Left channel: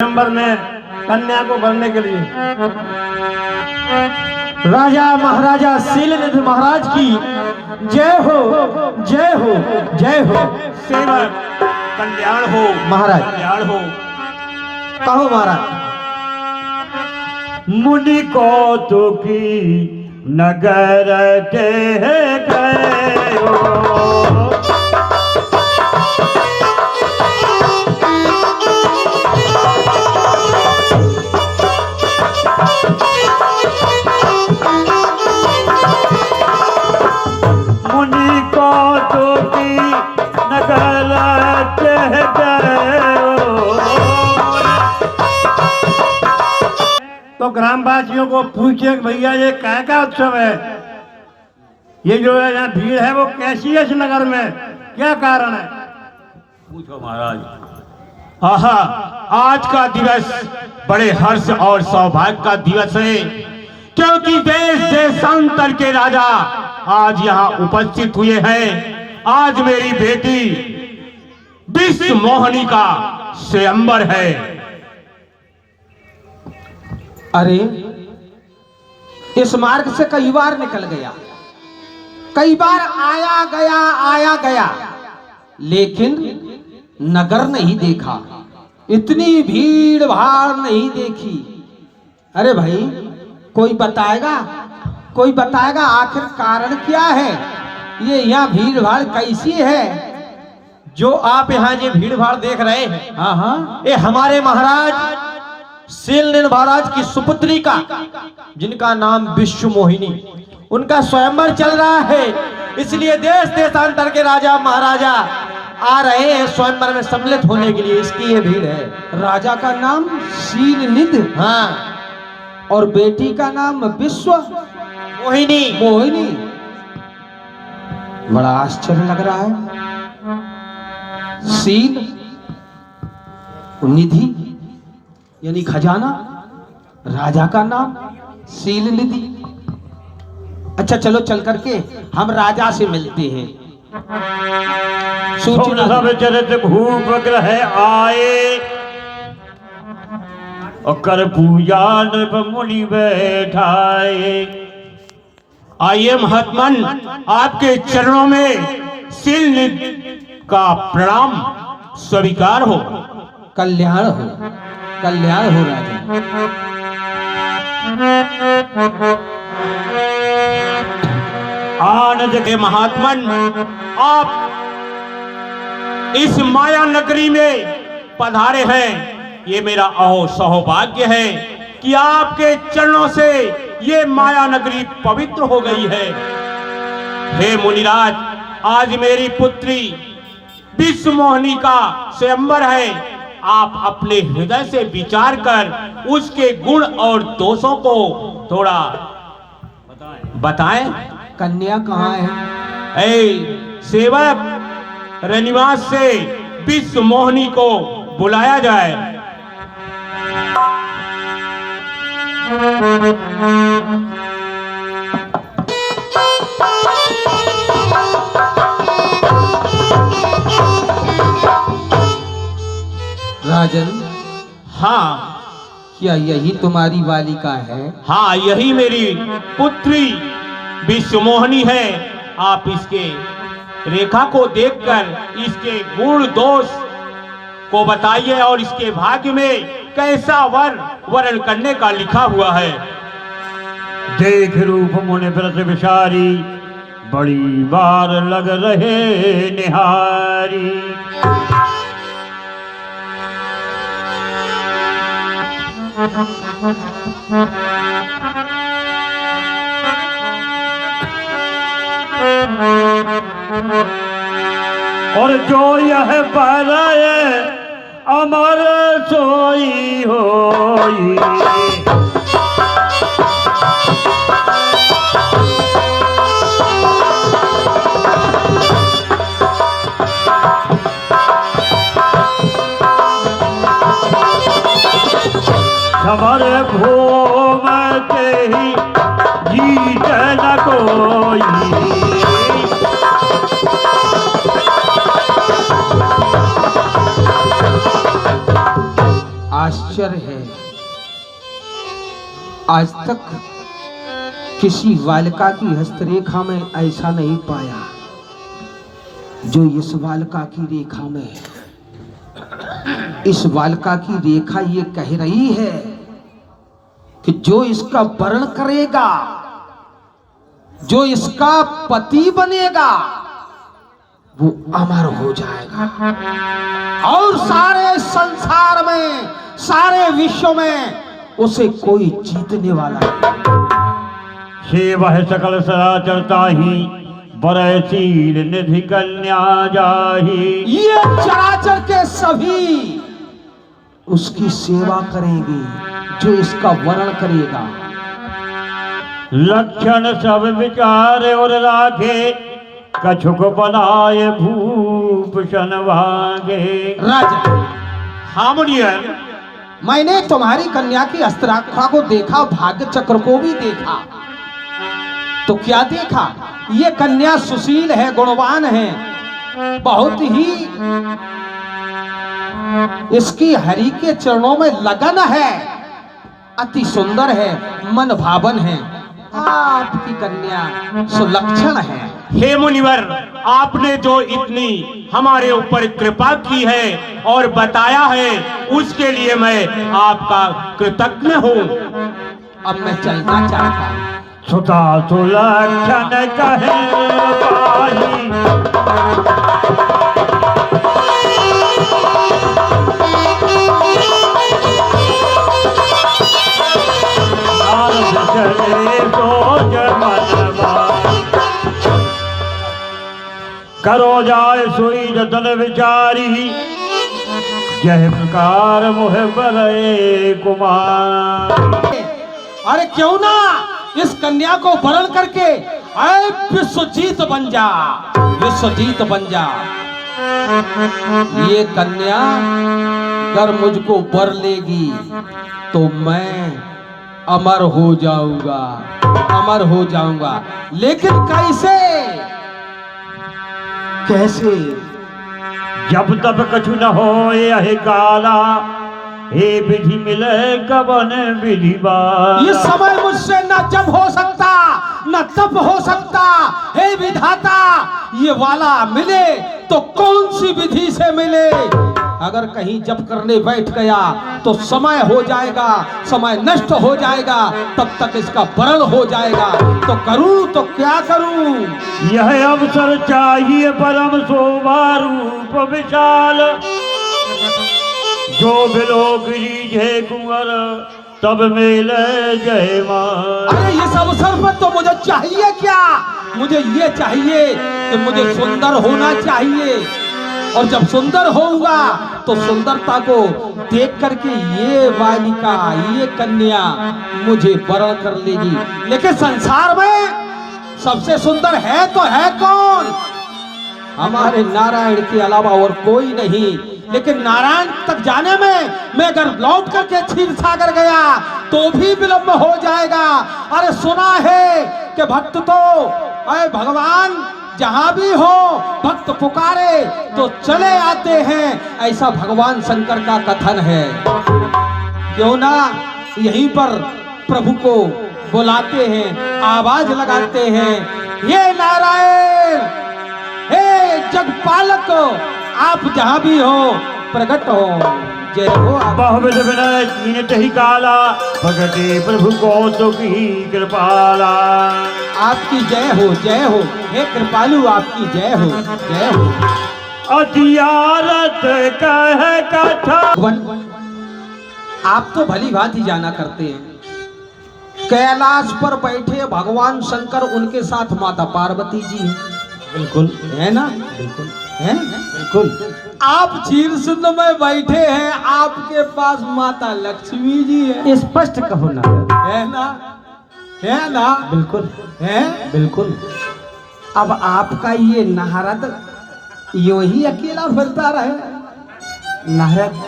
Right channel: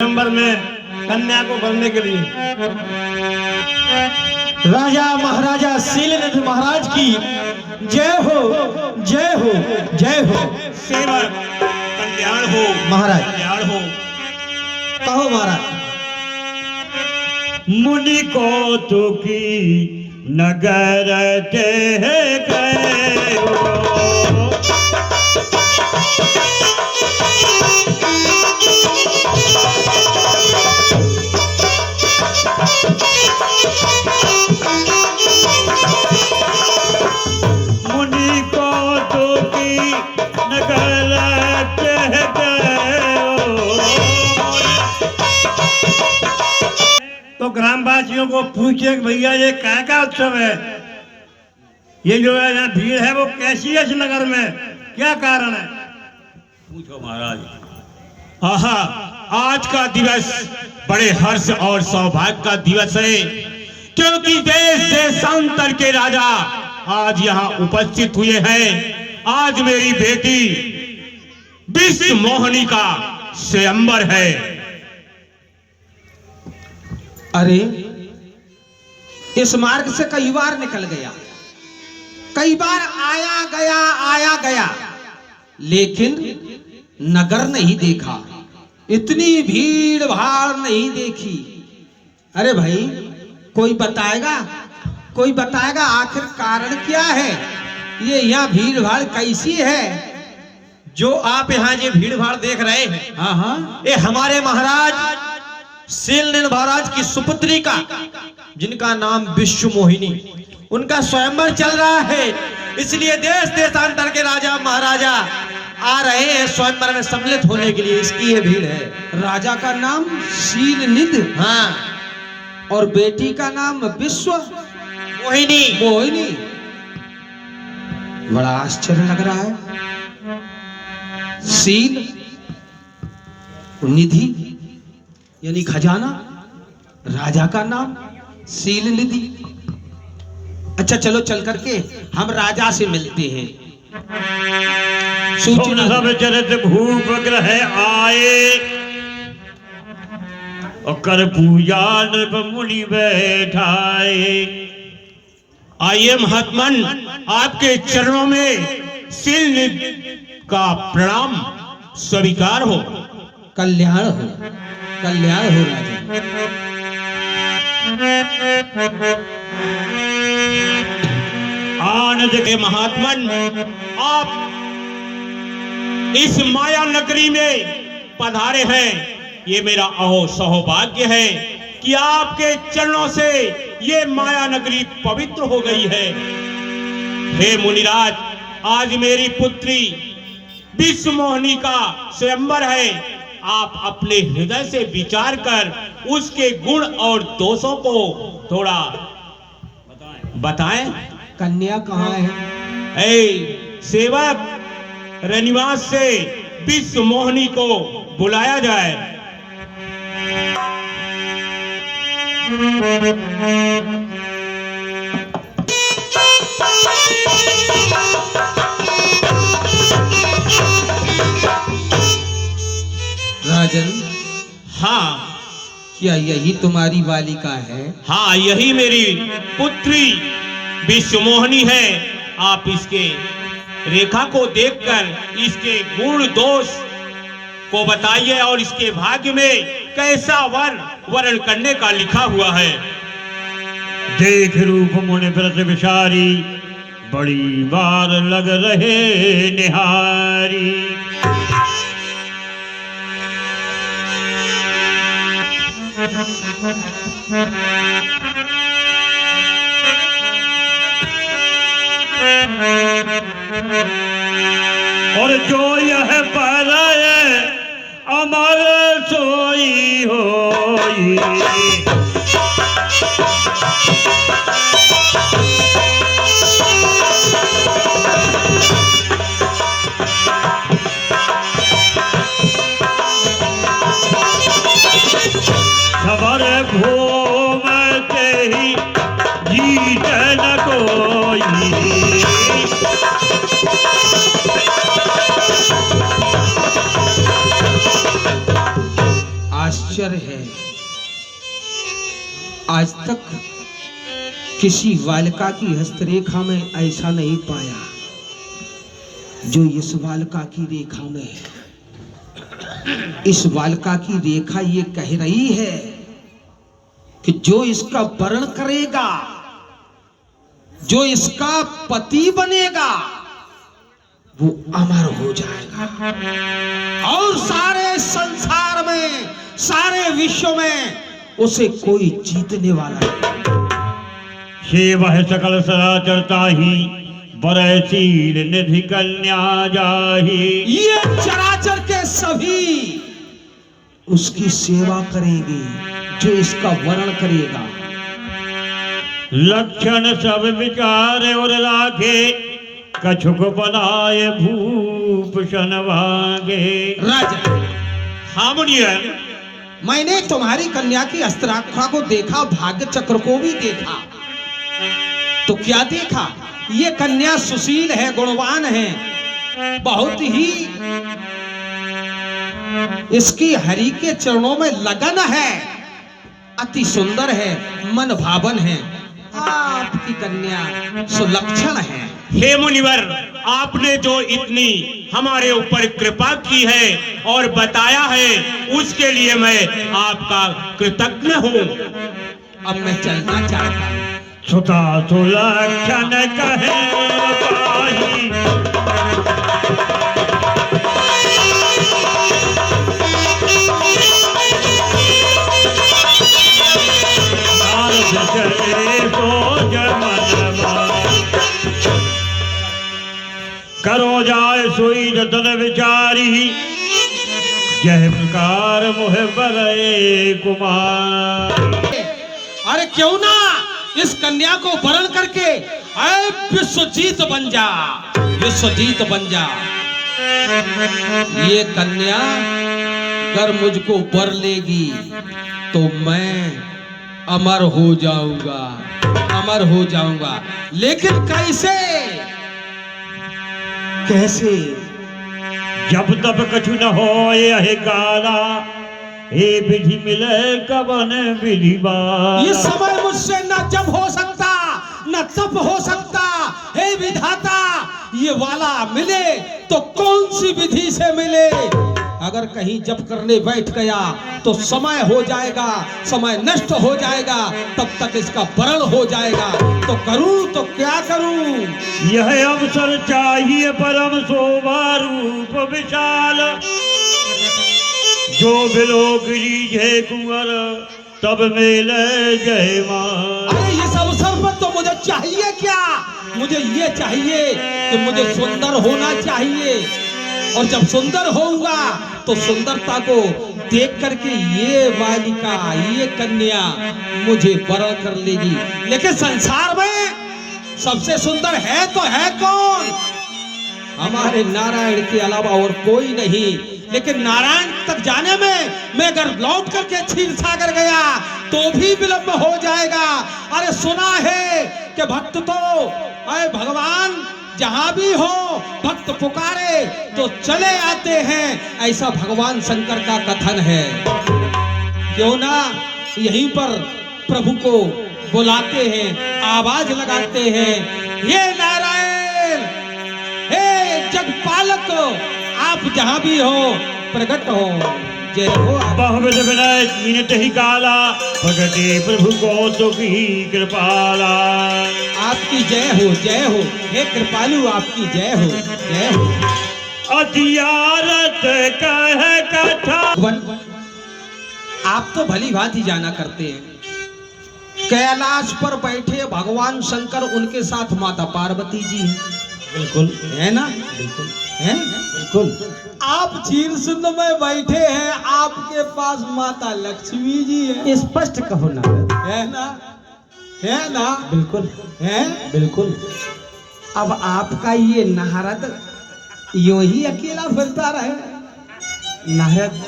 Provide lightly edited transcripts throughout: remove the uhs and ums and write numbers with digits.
Number में कन्या को करने के लिए राजा महाराजा शीलनिधि महाराज की जय हो जय हो जय हो। सेवक कल्याण हो महाराज। कल्याण हो। कहो महाराज। मुनि को तो की नगर के गए हो, मुनि को तो की नगर के गए हो। तो ग्रामवासियों को पूछे कि भैया ये क्या उत्सव है, ये जो है यहाँ भीड़ है वो कैसी है इस नगर में, क्या कारण है? पूछो महाराज। आहा, आज का दिवस बड़े हर्ष और सौभाग्य का दिवस है, क्योंकि देश देशांतर के राजा आज यहाँ उपस्थित हुए हैं। आज मेरी बेटी विश्व मोहिनी का स्वयंवर है। अरे इस मार्ग से कई बार निकल गया, कई बार आया गया, लेकिन नगर नहीं देखा, इतनी भीड़ भाड़ नहीं देखी। अरे भाई कोई बताएगा आखिर कारण क्या है, ये यहाँ भीड़ भाड़ कैसी है? जो आप यहाँ ये भीड़ भाड़ देख रहे हैं, हाँ हाँ, ये हमारे महाराज शीलनिधि महाराज की सुपुत्री का, जिनका नाम विश्व मोहिनी, उनका स्वयंवर चल रहा है। इसलिए देश देशांतर के राजा महाराजा आ रहे हैं स्वयंवर में सम्मिलित होने के लिए, इसकी ये भीड़ है। राजा का नाम शीलनिधि, हाँ, और बेटी का नाम विश्व मोहिनी। बड़ा आश्चर्य लग रहा है। शील निधि यानी खजाना, राजा का नाम शील निधि। अच्छा चलो चल करके हम राजा से मिलते हैं। सूचना सब चरित भूप ग्रह आए, और कर पूजा नृप मुनि बैठाए। आइए महात्मन, आपके चरणों में शीलनिधि का प्रणाम स्वीकार हो। कल्याण हो राजा। आनंद के महात्मन, आप इस माया नगरी में पधारे हैं, ये मेरा सौभाग्य है कि आपके चरणों से ये माया नगरी पवित्र हो गई है। हे मुनिराज, आज मेरी पुत्री विश्व मोहिनी का स्वयंवर है। आप अपने हृदय से विचार कर उसके गुण और दोषों को थोड़ा बताएं। कन्या कहाँ है? सेवक रनिवास से विश्व मोहिनी को बुलाया जाए। राजन, हाँ, क्या यही तुम्हारी बालिका है? हाँ, यही मेरी पुत्री विश्व मोहिनी है। आप इसके रेखा को देखकर इसके गुण दोष को बताइए और इसके भाग्य में कैसा वर्ण करने का लिखा हुआ है। देख रूप मुनि व्रत विचारी, बड़ी बार लग रहे निहारी। और जो यह पाराए अमर सोई होई। हमारे घूमते ही जीत न कोई। आश्चर्य है, आज तक किसी बालिका की हस्तरेखा में ऐसा नहीं पाया जो इस बालिका की रेखा में है। इस बालिका की रेखा ये कह रही है कि जो इसका वर्ण करेगा, जो इसका पति बनेगा, वो अमर हो जाएगा और सारे संसार में, सारे विश्व में उसे कोई जीतने वाला नहीं। सेवा है सकल सराचरता ही बरसील निधि कन्या जाही। ये चराचर के सभी उसकी सेवा करेंगे जो इसका वर्ण करेगा। लक्षण सब विचार और राखे, कछुक बनाए भूषण भागे। राजा, हाँ मुनिया, मैंने तुम्हारी कन्या की अस्त्राखा को देखा, भाग्य चक्र को भी देखा। तो क्या देखा? ये कन्या सुशील है, गुणवान है, बहुत ही इसकी हरि के चरणों में लगन है, अति सुंदर है, मन भावन है। आपकी कन्या सुलक्षण है। हे मुनिवर, आपने जो इतनी हमारे ऊपर कृपा की है और बताया है, उसके लिए मैं आपका कृतज्ञ हूँ। अब मैं चलना चाहता हूँ। सुता सुलक्षण कहे पाही, करो जाए सोई जतन विचारी, यह प्रकार मोह बरे कुमार। अरे क्यों ना इस कन्या को वरण करके आए विश्वजीत बन जा, विश्वजीत बन जा। ये कन्या अगर मुझको वर लेगी तो मैं अमर हो जाऊंगा, अमर हो जाऊंगा। लेकिन कैसे? कैसे? जब तब कछु न हो यह काला, हे विधि मिले कवन विधि बाला। ये समय मुझसे न जब हो सकता न तब हो सकता। हे विधाता, ये वाला मिले तो कौन सी विधि से मिले? अगर कहीं जब करने बैठ गया तो समय हो जाएगा, समय नष्ट हो जाएगा, तब तक इसका वरण हो जाएगा। तो करूं तो क्या करूं? यह अवसर चाहिए परम शोभा रूप विशाल, जो बिलोक लीजे कुंवर तब मेले जयमाल। अरे इस अवसर पर तो मुझे चाहिए क्या? मुझे ये चाहिए कि मुझे सुंदर होना चाहिए, और जब सुंदर होऊंगा तो सुंदरता को देख करके ये बालिका, ये कन्या मुझे वरण कर लेगी। लेकिन संसार में सबसे सुंदर है तो है कौन? हमारे नारायण के अलावा और कोई नहीं। लेकिन नारायण तक जाने में मैं अगर लौट करके क्षीर सागर गया तो भी विलंब हो जाएगा। अरे सुना है कि भक्त तो अरे भगवान जहां भी हो भक्त पुकारे तो चले आते हैं, ऐसा भगवान शंकर का कथन है। क्यों ना यहीं पर प्रभु को बुलाते हैं, आवाज लगाते हैं, हे नारायण, हे जगपालक, आप जहां भी हो प्रकट हो। जय हो। बहुविध विनय कीनत ही काला, भगते प्रभु को तो की कृपाला। आपकी जय हो, जय हो, हे कृपालु, आपकी जय हो, जय हो। अतियारत कह कथा। आप तो भली भांति जाना करते हैं, कैलाश पर बैठे भगवान शंकर, उनके साथ माता पार्वती जी हैं। बिल्कुल है ना? बिल्कुल हैं? बिल्कुल। आप चीर सुंद में बैठे हैं, आपके पास माता लक्ष्मी जी है। स्पष्ट कहो ना। है ना? है ना? बिल्कुल है? बिल्कुल। अब आपका ये नारद यो ही अकेला फिरता रहे। नारद,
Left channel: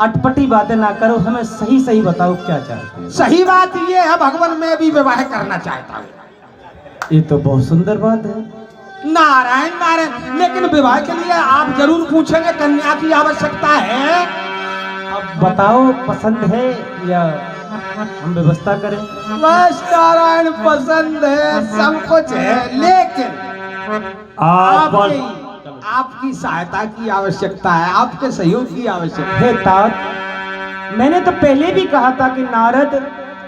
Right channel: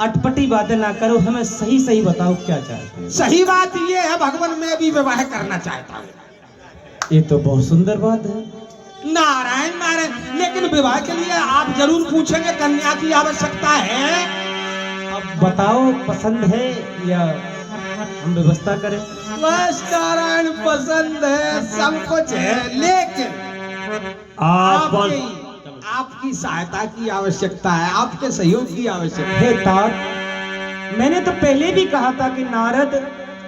अटपटी बातें ना करो, हमें सही सही बताओ क्या चाहते हो। सही बात ये है भगवान, मैं भी विवाह करना चाहता हूँ। ये तो बहुत सुंदर बात है। नारायण नारायण, लेकिन विवाह के लिए आप जरूर पूछेंगे कन्या की आवश्यकता है। अब बताओ पसंद है या हम व्यवस्था करें? बस नारायण पसंद है, सब कुछ है, लेकिन आप आपकी सहायता की आवश्यकता है, आपके सहयोग की आवश्यकता है। हे तात, मैंने तो पहले भी कहा था कि नारद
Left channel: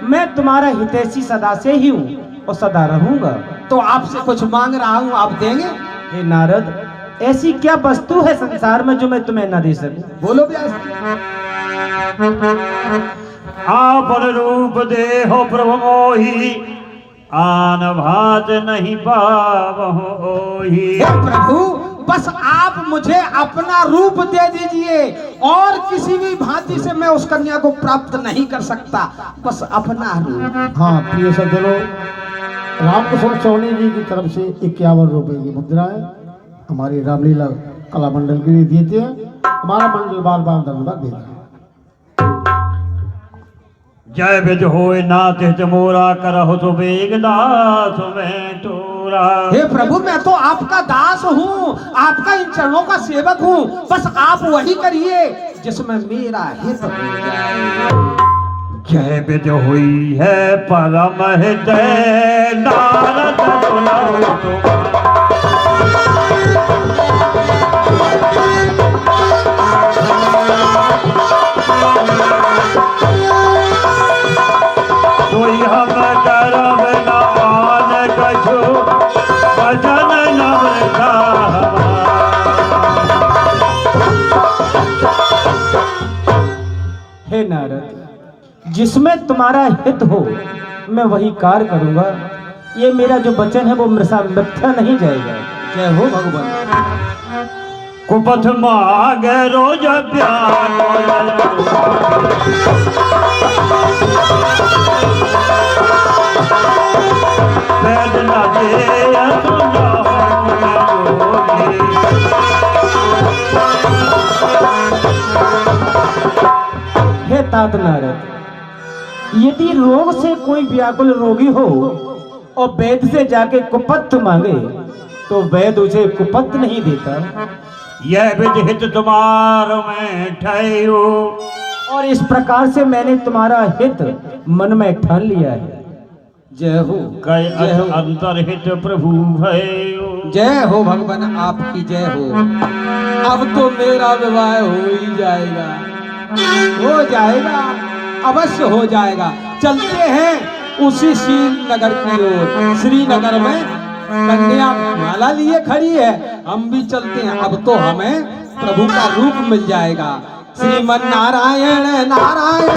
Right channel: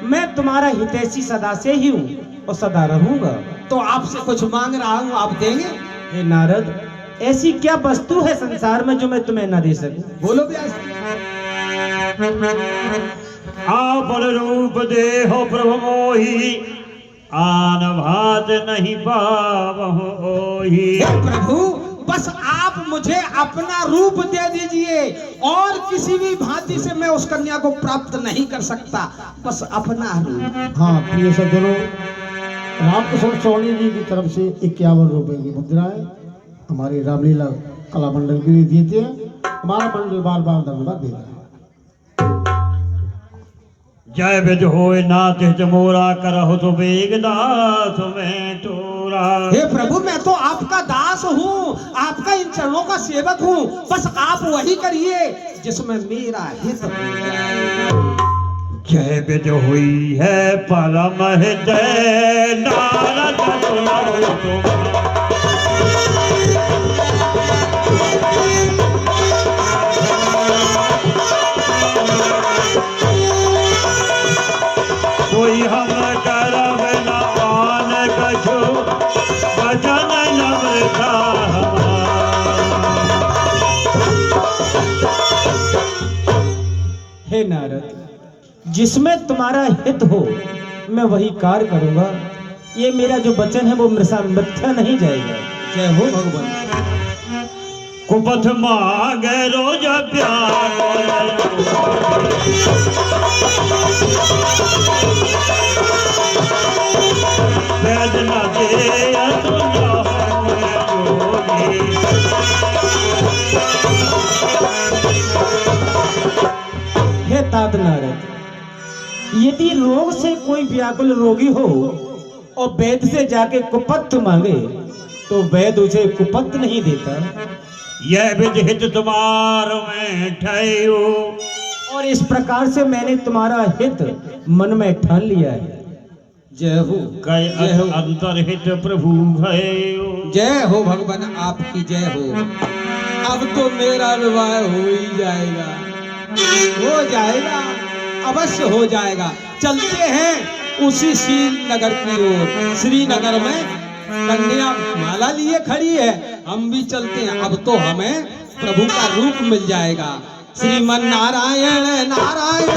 मैं तुम्हारा हितैषी सदा से ही हूँ और सदा रहूंगा। तो आपसे कुछ मांग रहा हूँ, आप देंगे? हे नारद, ऐसी क्या वस्तु है संसार में जो मैं तुम्हें न दे सकूं? बोलो व्यास जी। आप रूप दे हो प्रभु मोही, आन भात नहीं पावही। हे प्रभु, बस आप मुझे अपना रूप दे दीजिए, और किसी भी भांति से मैं उस कन्या को प्राप्त नहीं कर सकता, बस अपना रूप। हाँ प्रिय सज्जनों, रामकुशल चौनी जी की तरफ से 51 रुपए की मुद्राएं हमारी रामलीला कला मंडल के लिए देते हैं। हमारा मंडल बार बार धन्यवाद देता है। जय विज होए नाथ हित मोरा, करहु तो बेगदास में टोरा। हे प्रभु, मैं तो आपका दास हूँ, आपका इन चरणों का सेवक हूँ, बस आप वही करिए जिसमें मेरा हित हो जाए। जय विज हुई है परम हृदय, नारद सुनाओ तुम्हारा। कोई हम करब न आन कछु, भजन नम्रता हमारा। हे नारद, जिसमें तुम्हारा हित हो मैं वही कार्य करूंगा। ये मेरा जो वचन है वो मिथ्या नहीं जाएगा। जय हो भगवान। कुपथ मांगे रोज प्यार, वेद न दे सुना जोगी। हे तात नारद, यदि रोग से कोई व्याकुल रोगी हो और वैद्य से जाके कुपथ मांगे तो वैद्य उसे कुपथ नहीं देता। यह विधित तुम्हार में ठहरो, और इस प्रकार से मैंने तुम्हारा हित मन में ठान लिया है। जय हो। कई जय हो। अंतरहित प्रभु भयो। जय हो भगवान, आपकी जय हो। अब तो मेरा विवाह हो ही जाएगा, हो जाएगा, अवश्य हो जाएगा। चलते हैं उसी श्रीनगर की ओर। श्रीनगर में कन्या माला लिए खड़ी है, हम भी चलते हैं। अब तो हमें प्रभु का रूप मिल जाएगा। श्रीमन नारायण नारायण